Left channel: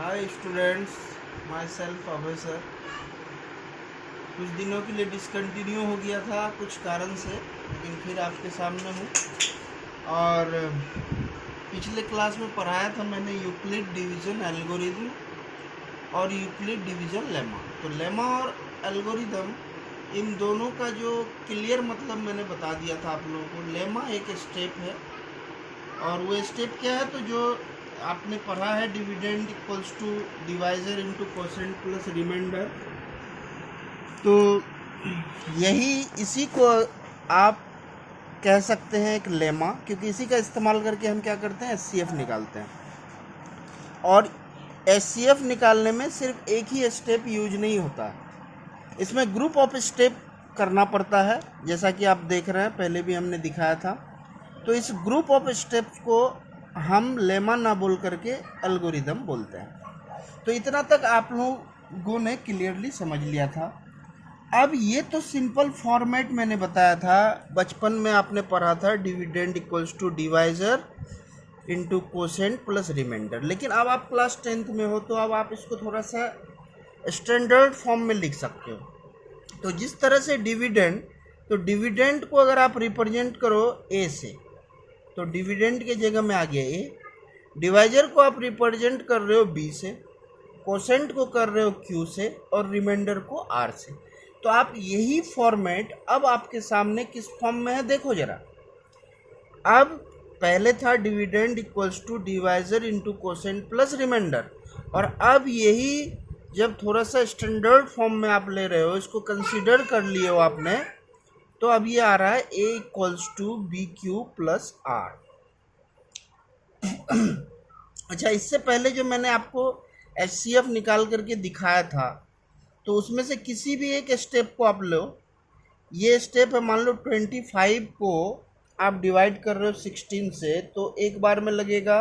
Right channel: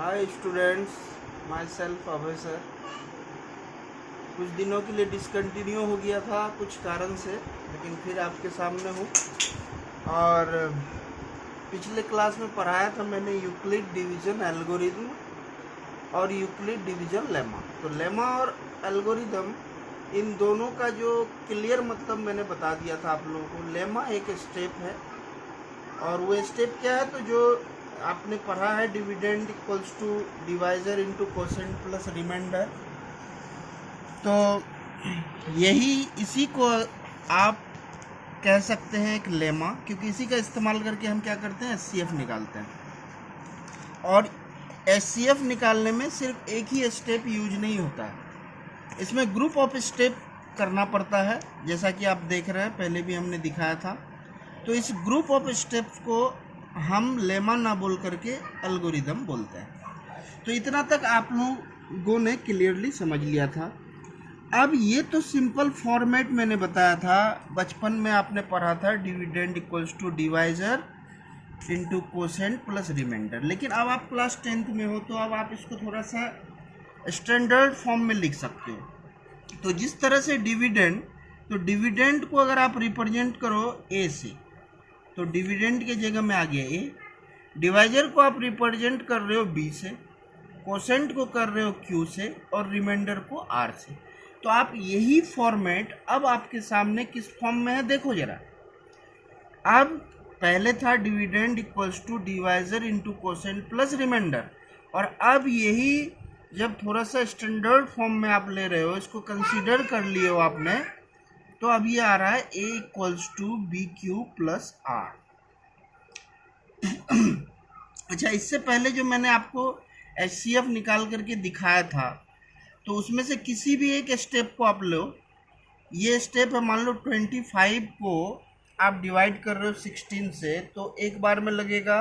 Hi students, my self Abhay sir. कुछ दिनों के लिए डिसकंटिन्यू हो गया था कुछ कारण से, लेकिन फिर आपके सामने हूँ। और पिछले क्लास में पढ़ाया था मैंने यूक्लिड डिवीज़न एल्गोरिदम और यूक्लिड डिवीज़न लेमा। तो लेमा और एल्गोरिदम, इन दोनों का जो क्लियर मतलब मैंने बता दिया था आप लोगों को। लेमा एक स्टेप है, और वो स्टेप क्या है, तो जो आपने पढ़ा है dividend equals to divisor into quotient plus remainder. तो यही इसी को आप कह सकते हैं एक लेमा, क्योंकि इसी का इस्तेमाल करके हम क्या करते हैं, एचसीएफ निकालते हैं। और एचसीएफ निकालने में सिर्फ एक ही स्टेप यूज नहीं होता है, इसमें ग्रुप ऑफ स्टेप करना पड़ता है, जैसा कि आप देख रहे हैं, पहले भी हमने दिखाया था। तो इस ग्रुप ऑफ स्टेप्स को हम लेमा ना बोल करके एल्गोरिदम बोलते हैं। तो इतना तक आप लोगों ने क्लियरली समझ लिया था। अब ये तो सिंपल फॉर्मेट मैंने बताया था, बचपन में आपने पढ़ा था dividend equals to divisor into quotient plus remainder. लेकिन अब आप क्लास 10th में हो, तो अब आप इसको थोड़ा सा स्टैंडर्ड फॉर्म में लिख सकते हो। तो जिस तरह से डिविडेंड, तो डिविडेंड को अगर आप रिप्रेजेंट करो ए से, तो डिविडेंड के जगह में आ गया ए। डिवाइजर को आप रिप्रेजेंट कर रहे हो बी से, कोसेंट को कर रहे हो क्यू से, और रिमाइंडर को आर से। तो आप यही फॉर्मेट अब आपके सामने किस फॉर्म में है, देखो जरा। अब पहले था dividend equals to divisor into quotient plus remainder, और अब यही जब थोड़ा सा स्टैंडर्ड फॉर्म में आप ले रहे हो, इसको कंसीडर कर लिए हो आपने, तो अब ये आ रहा है a equals to B Q plus r. अच्छा, इससे पहले जो मैंने आपको एचसीएफ निकाल करके दिखाया था, तो उसमें से किसी भी एक स्टेप को आप लो। ये स्टेप है, मान लो 25 को आप डिवाइड कर रहे हो 16 से, तो एक बार में लगेगा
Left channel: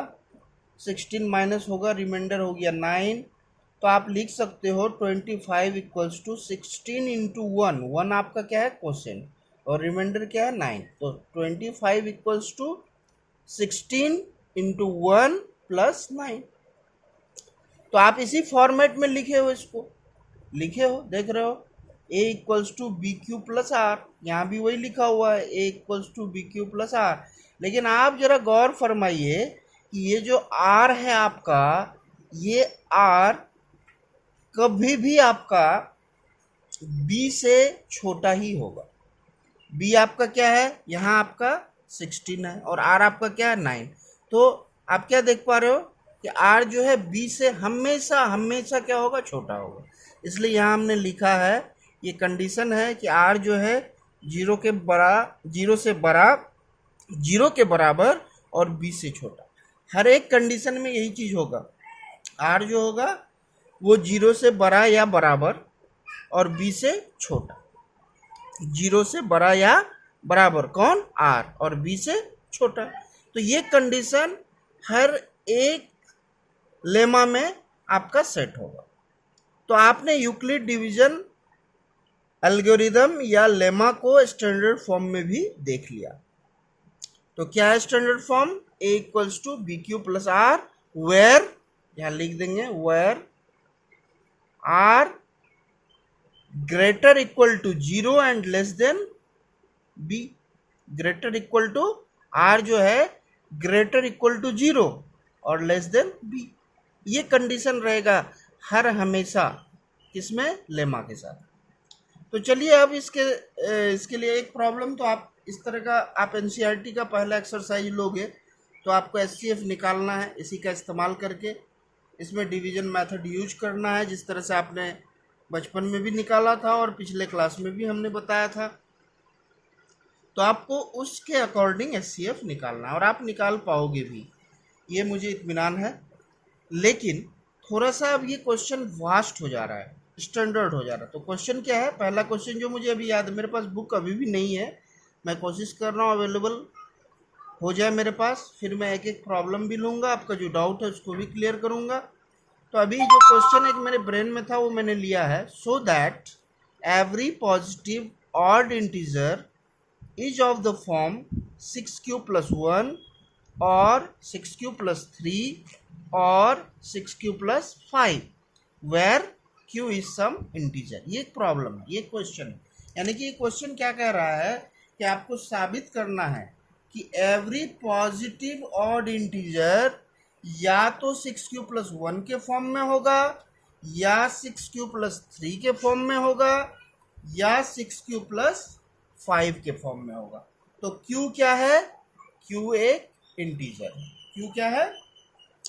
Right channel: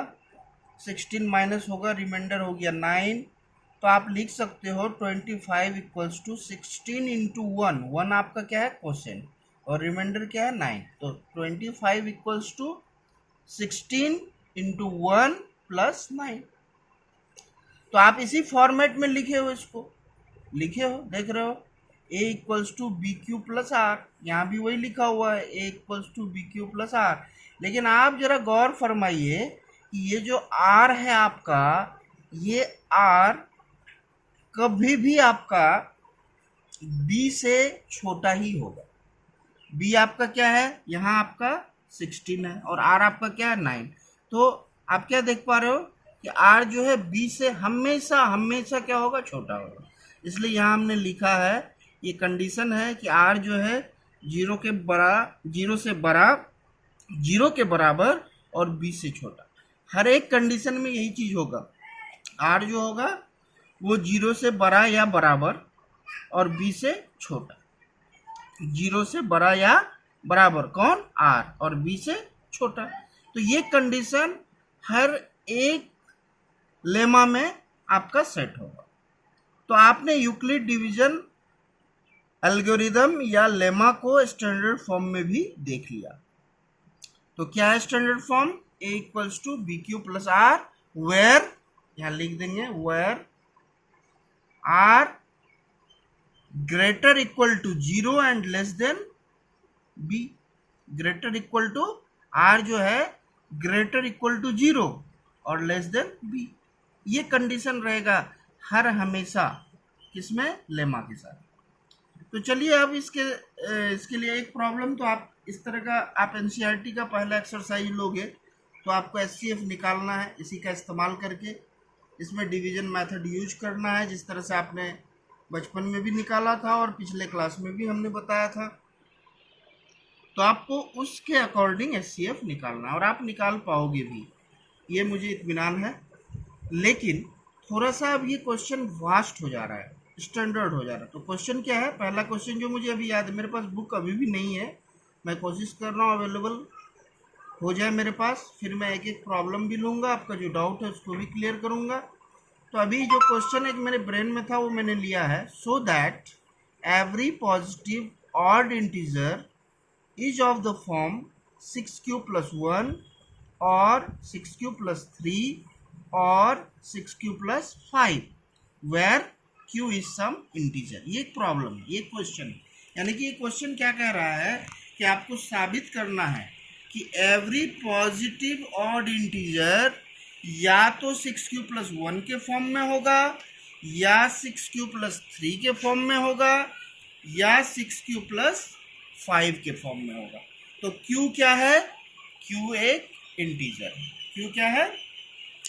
16 माइनस होगा, रिमाइंडर हो गया 9। तो आप लिख सकते हो 25 इक्वल्स टू 16 इंटू 1। 1 आपका क्या है, कोसेंट, और रिमाइंडर क्या है, 9। तो 25 इक्वल्स टू 16 इंटू 1 प्लस 9। तो आप इसी फॉर्मेट में लिखे हो, इसको लिखे हो, देख रहे हो, a equals to B Q plus r. यहाँ भी वही लिखा हुआ है, a equals to B Q plus r. लेकिन आप जरा गौर फरमाइए कि ये जो आर है आपका, ये आर कभी भी आपका बी से छोटा ही होगा। बी आपका क्या है, यहाँ आपका 16 है, और आर आपका क्या है, 9। तो आप क्या देख पा रहे हो कि आर जो है बी से हमेशा हमेशा क्या होगा, छोटा होगा। इसलिए यहाँ हमने लिखा है, ये कंडीशन है कि आर जो है 0 के बराबर और बी से छोटा। हर एक कंडीशन में यही चीज होगा, आर जो होगा वो 0 से बड़ा या बराबर और बी से छोटा। 0 से बड़ा या बराबर कौन, आर, और बी से छोटा। तो ये कंडीशन हर एक लेमा में आपका सेट होगा। तो आपने यूक्लिड डिवीजन एल्गोरिदम या लेमा को स्टैंडर्ड फॉर्म में भी देख लिया। तो क्या है standard form, A equals to B Q plus R, where, यहां लिख देंगे, where R greater equal to 0 and less than B. Greater equal to, R जो है ग्रेटर इक्वल टू 0 और लेस देन बी। ये कंडीशन रहेगा हर हमेशा किसमें, लेमा के साथ। तो चलिए अब इसके लिए एक प्रॉब्लम, तो आप इस तरह का आप एनसीईआरटी का पहला एक्सरसाइज लोगे, तो आपको एचसीएफ निकालना है इसी का इस्तेमाल करके। इसमें डिवीजन मेथड यूज करना है, जिस तरह से आपने बचपन में भी निकाला था और पिछले क्लास में भी हमने बताया था। तो आपको उसके अकॉर्डिंग एचसीएफ निकालना है, और आप निकाल पाओगे भी, ये मुझे इत्मीनान है। लेकिन थोड़ा सा अब ये क्वेश्चन वास्ट हो जा रहा है, स्टैंडर्ड हो जा रहा है। तो क्वेश्चन क्या है, पहला क्वेश्चन जो मुझे अभी याद है, मेरे पास बुक अभी भी नहीं है, मैं कोशिश कर रहा हूँ अवेलेबल हो जाए मेरे पास, फिर मैं एक एक प्रॉब्लम भी लूँगा, आपका जो डाउट है उसको भी क्लियर करूँगा। तो अभी जो क्वेश्चन एक मेरे ब्रेन में था वो मैंने लिया है, so that every positive odd integer is of the form 6q + 1 और 6q + 3 और 6q+5 where q is some integer. ये एक प्रॉब्लम है, ये क्वेश्चन है। यानी कि ये क्वेश्चन क्या कह रहा है कि आपको साबित करना है कि एवरी पॉजिटिव ऑड इंटीजर या तो 6q+1 के फॉर्म में होगा, या 6q+3 के फॉर्म में होगा, या 6q+5 के फॉर्म में होगा। तो q क्या है? q एक इंटीजर है। q क्या है?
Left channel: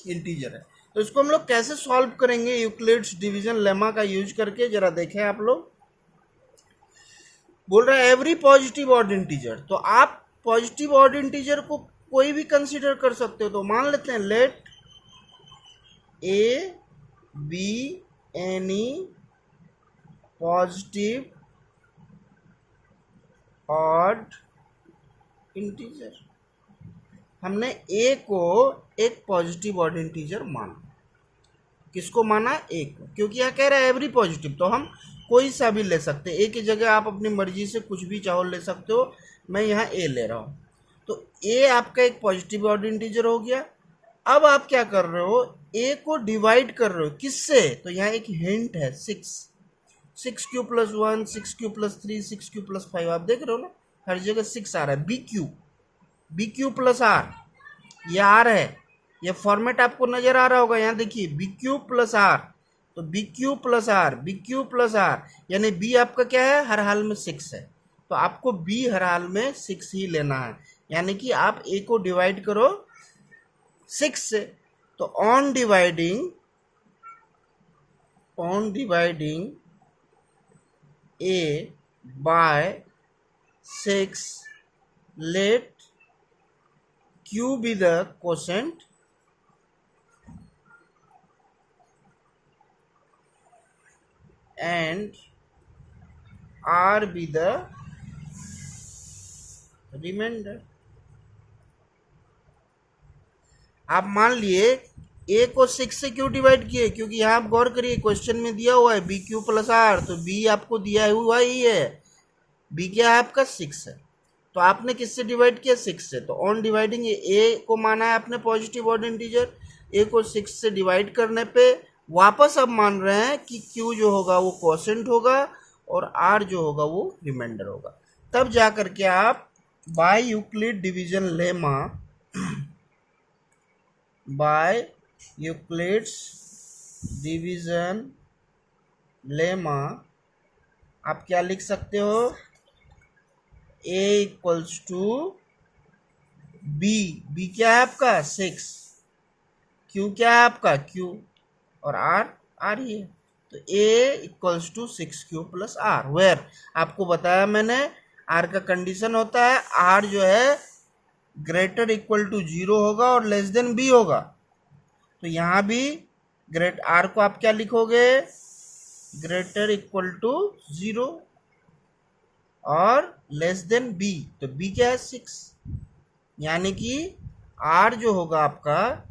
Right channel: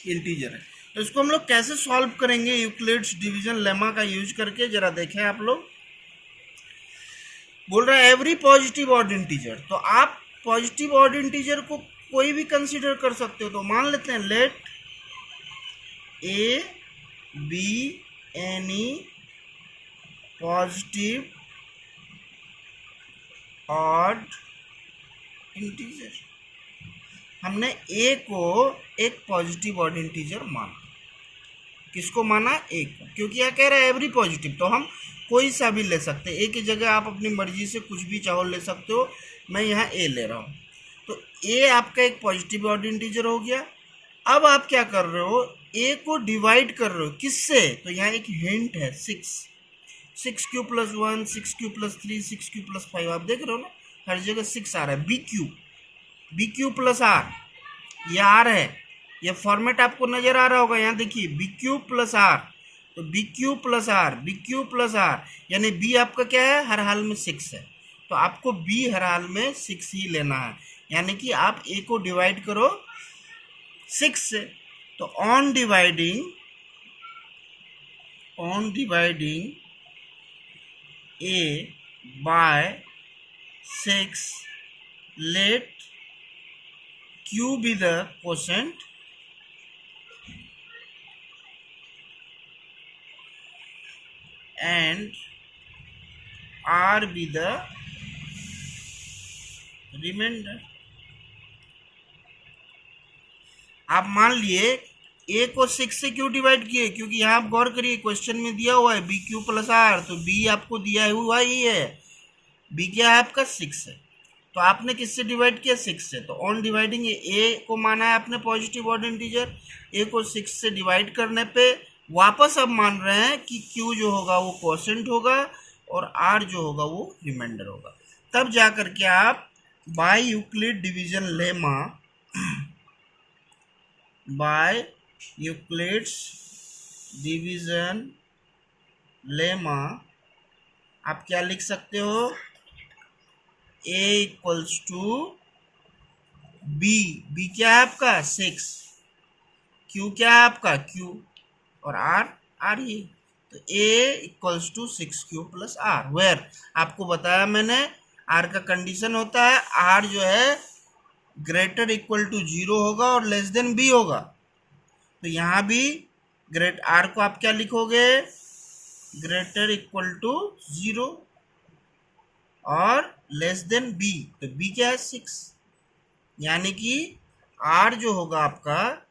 इंटीजर है। तो इसको हम लोग कैसे सॉल्व करेंगे यूक्लिड्स डिवीजन लेमा का यूज करके, जरा देखें आप लोग। बोल रहे हैं एवरी पॉजिटिव ऑड इंटीजर, तो आप पॉजिटिव ऑड इंटीजर को कोई भी कंसीडर कर सकते हो। तो मान लेते हैं let a be any positive odd integer. हमने ए को एक पॉजिटिव ऑड इंटीजर माना। किसको माना? ए को, क्योंकि यह कह रहा है एवरी पॉजिटिव, तो हम कोई सा भी ले सकते हैं। ए की जगह आप अपनी मर्जी से कुछ भी चाहो ले सकते हो। मैं यहाँ ए ले रहा हूँ, तो ए आपका एक पॉजिटिव ऑड इंटीजर हो गया। अब आप क्या कर रहे हो? ए को डिवाइड कर रहे हो किससे? तो यहाँ एक हिंट है 6q+1, 6q+3, 6q+5। आप देख रहे हो ना, हर जगह 6 आ रहा है। BQ+R, ये R है। ये फॉर्मेट आपको नजर आ रहा होगा, यहाँ देखिए BQ+R। तो BQ+R यानी B आपका क्या है? हर हाल में 6 है, तो आपको B हर हाल में 6 ही लेना है। यानी कि आप A को डिवाइड करो 6 से, तो on dividing A by 6, let Q be the quotient and R be the remainder। आप मान लिए ए को 6 से क्यों डिवाइड किए? क्योंकि यहाँ आप गौर करिए, क्वेश्चन में दिया हुआ है BQ+R, तो B आपको दिया हुआ ही है। B क्या है आपका? 6 है। तो आपने किससे डिवाइड किया? 6 से। तो ऑन डिवाइडिंग ए को माना है आपने पॉजिटिव ऑड इंटीजर, ए को 6 से डिवाइड करने पे वापस अब मान रहे हैं कि Q जो होगा वो क्वोशेंट होगा और R जो होगा वो रिमाइंडर होगा। तब जा करके आप by Euclid division lemma by Euclid's division lemma आप क्या लिख सकते हो? A इक्वल्स टू बी क्या है आपका? 6, Q क्या है आपका? Q, और R ही है। तो A equals to 6q+R, where आपको बताया मैंने R का कंडीशन होता है R जो है ग्रेटर इक्वल टू 0 होगा और लेस देन B होगा। तो यहाँ भी ग्रेट R को आप क्या लिखोगे? ग्रेटर इक्वल टू 0 और लेस देन B। तो B क्या है? 6। यानी कि R जो होगा आपका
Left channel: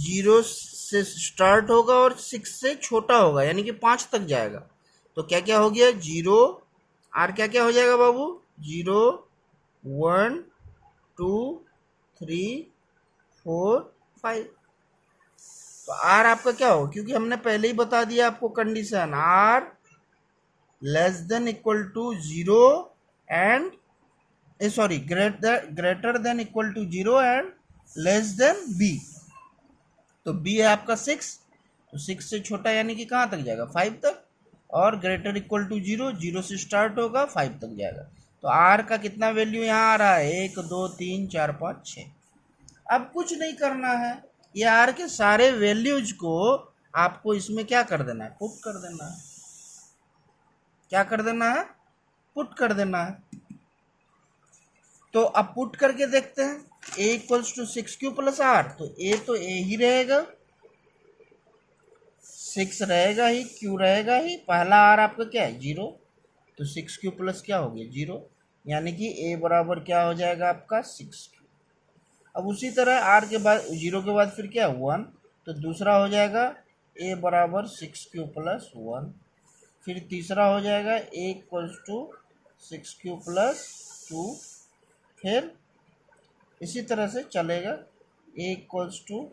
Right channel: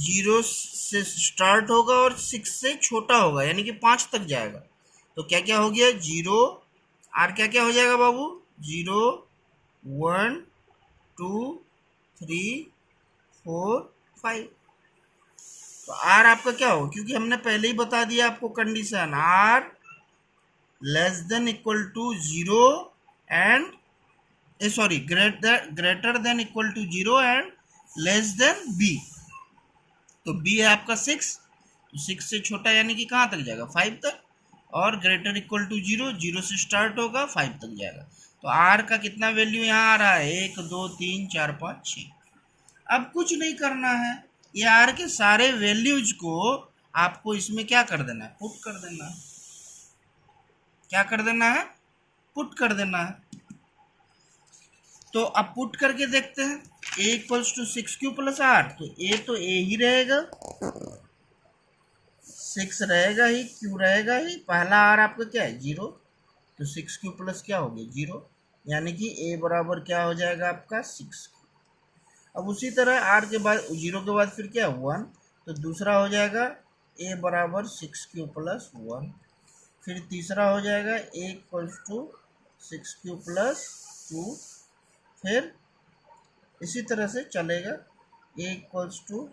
0 से स्टार्ट होगा और 6 से छोटा होगा, यानी कि 5 तक जाएगा। तो क्या क्या हो गया? 0, R क्या क्या हो जाएगा बाबू? 0, 1, 2, 3, 4, 5। तो R आपका क्या हो? क्योंकि हमने पहले ही बता दिया आपको condition, R less than equal to 0 and sorry greater than equal to 0 and less than B। तो B है आपका 6, तो 6 से छोटा यानी कि कहाँ तक जाएगा? 5 तक, और ग्रेटर इक्वल टू 0, 0 से स्टार्ट होगा 5 तक जाएगा। तो R का कितना वैल्यू यहाँ आ रहा है? 1, 2, 3, 4, 5, 6। अब कुछ नहीं करना है, ये R के सारे वैल्यूज को आपको इसमें क्या कर देना है? पुट कर देना है। क्या कर देना है? पुट कर देना है। तो अब पुट करके देखते हैं। A इक्वल्स टू 6q+R, तो A तो A ही रहेगा, 6 रहेगा ही, Q रहेगा ही। पहला R आपका क्या है? 0, तो 6q+ क्या हो गया? 0, यानी कि A बराबर क्या हो जाएगा आपका? 6। अब उसी तरह R के बाद 0 के बाद फिर क्या है? 1, तो दूसरा हो जाएगा A बराबर 6q+1। फिर तीसरा हो जाएगा A इक्वल्स टू 6q+2। फिर इसी तरह से चलेगा, A equals to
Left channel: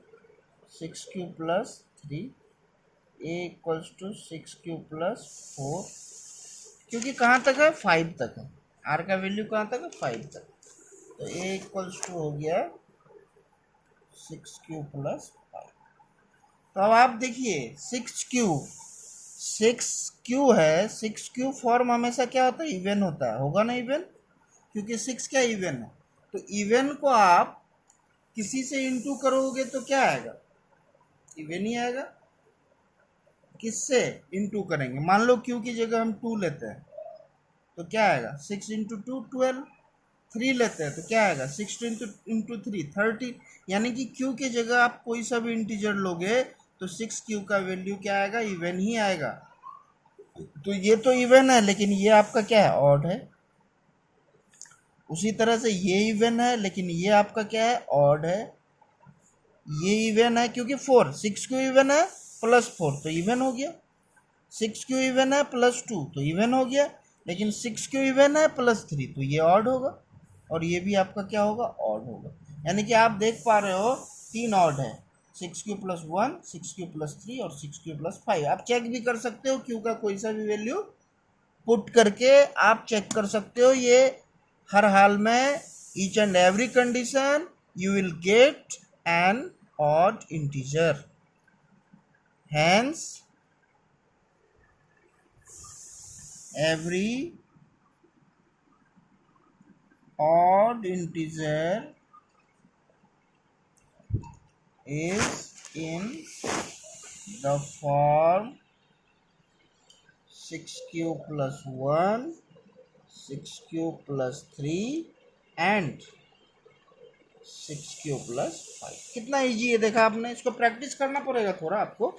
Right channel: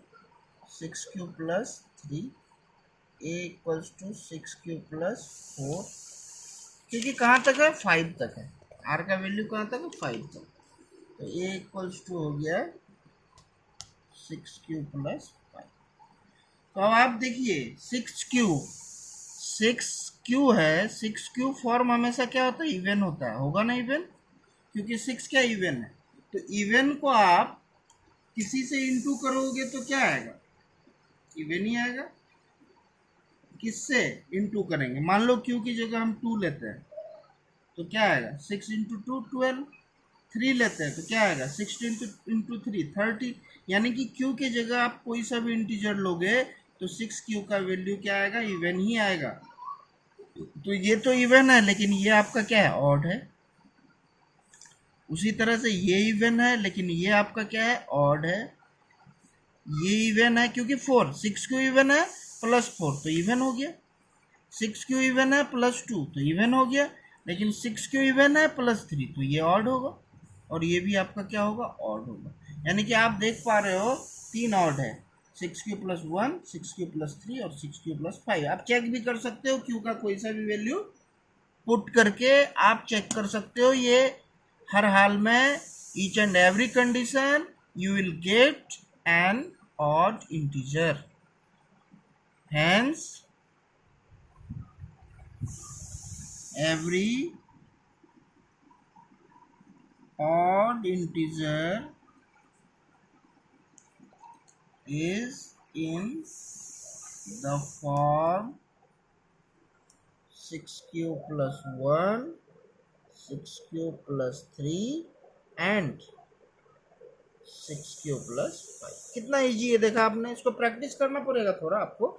6 plus 3, a equals to 6 plus 4, क्योंकि कहाँ तक है 5 तक है, r का वैल्यू कहाँ तक है 5 तक, तो a इक्वल्स टू हो गया 6 प्लस 5। तो अब आप देखिए 6 है, 6 फॉर्म हमेशा क्या होता है, इवन होता है, होगा ना इवन, क्योंकि 6 क्या इवन है। तो इवन को आप किसी से इंटू करोगे तो क्या आएगा, इवन ही आएगा। किससे इंटू करेंगे, मान लो क्यू की जगह हम 2 लेते हैं तो क्या आएगा, 6 इंटू 2 12, 3 लेते हैं तो क्या आएगा 16 इंटू 3 30, यानी कि क्यू की जगह आप कोई सा भी इंटीजर लोगे तो 6 का वैल्यू क्या आएगा, इवन ही आएगा। तो ये तो इवन है, लेकिन ये आपका क्या है, ऑड है। उसी तरह से ये इवन है, लेकिन ये आपका क्या है, ऑड है। ये इवन है क्योंकि 4, 6 क्यू इवन है प्लस 4 तो इवन हो गया, 6 क्यू इवन है प्लस 2 तो इवन हो गया, लेकिन 6 क्यू इवन है प्लस 3 तो ये ऑड होगा, और ये भी आपका क्या होगा, ऑड होगा। यानी कि आप देख पा रहे हो 3 ऑड है, 6 प्लस 1, 6 प्लस 3 और 6 प्लस 5। आप चेक भी कर सकते हो, क्यू का कोई सा भी वैल्यू पुट करके आप चेक कर सकते हो। ये हर हाल में each and every condition you will get an odd integer, hence every odd integer is in the form 6 plus 1, 6 plus 3 and 6 plus 5। कितना इजी है देखा आपने, इसको प्रैक्टिस करना पड़ेगा थोड़ा आपको,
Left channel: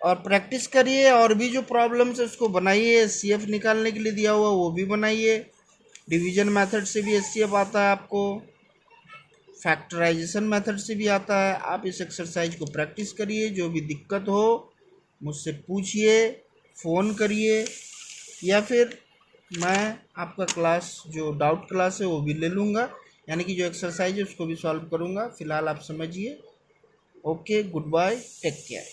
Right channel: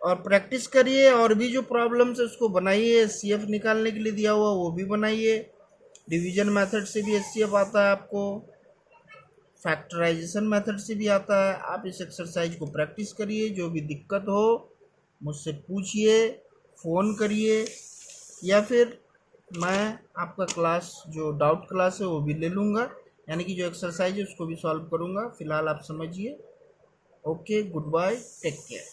और प्रैक्टिस करिए, और भी जो प्रॉब्लम्स है उसको बनाइए। एचसीएफ निकालने के लिए दिया हुआ वो भी बनाइए, डिवीजन मेथड से भी एचसीएफ आता है आपको, फैक्टराइजेशन मेथड से भी आता है। आप इस एक्सरसाइज को प्रैक्टिस करिए, जो भी दिक्कत हो मुझसे पूछिए, फ़ोन करिए, या फिर मैं आपका क्लास जो डाउट क्लास है वो भी ले लूँगा, यानी कि जो एक्सरसाइज है उसको भी सॉल्व करूँगा। फिलहाल आप समझिए। Okay, goodbye, take care.